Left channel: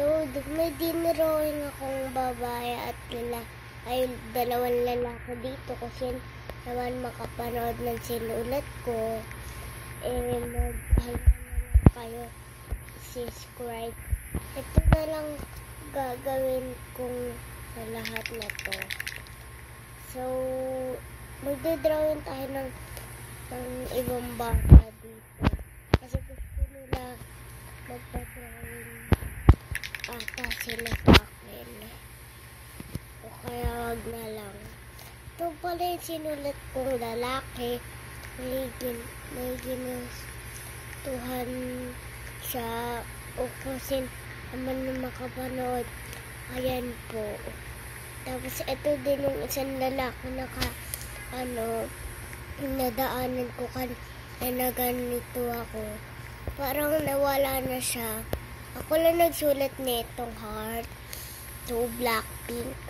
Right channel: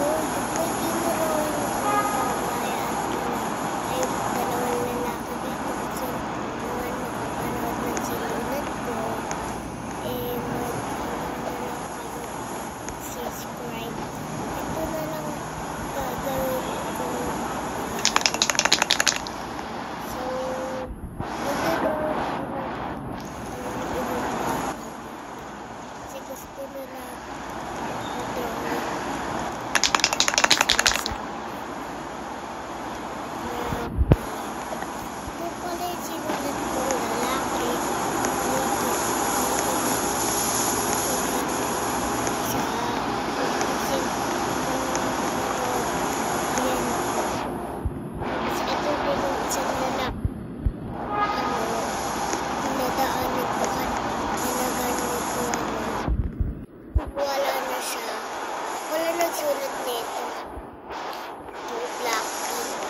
So, may dinrawing kong babae at ay dalawang lalaki dito kasi naman makapanood ng sinulat ko. Mag-ano na kayo subscribe. Ito na lang gagawin kong lahat nito. So, magdodrawing tayo ng ibang bata dito. Kasi gusto nila magdodrawing ata sila sa akin. Kaya wag na lang. Ito pala yung sinulat kong lalaki. Tuhan siya. Upusin naman na makapanood. Ayan po. Tapos ito din yung isang lalaki nadaanan ko na ganito ako. Parang nawala na siya. Ako lang nagsulat nitong heart to Blackpink.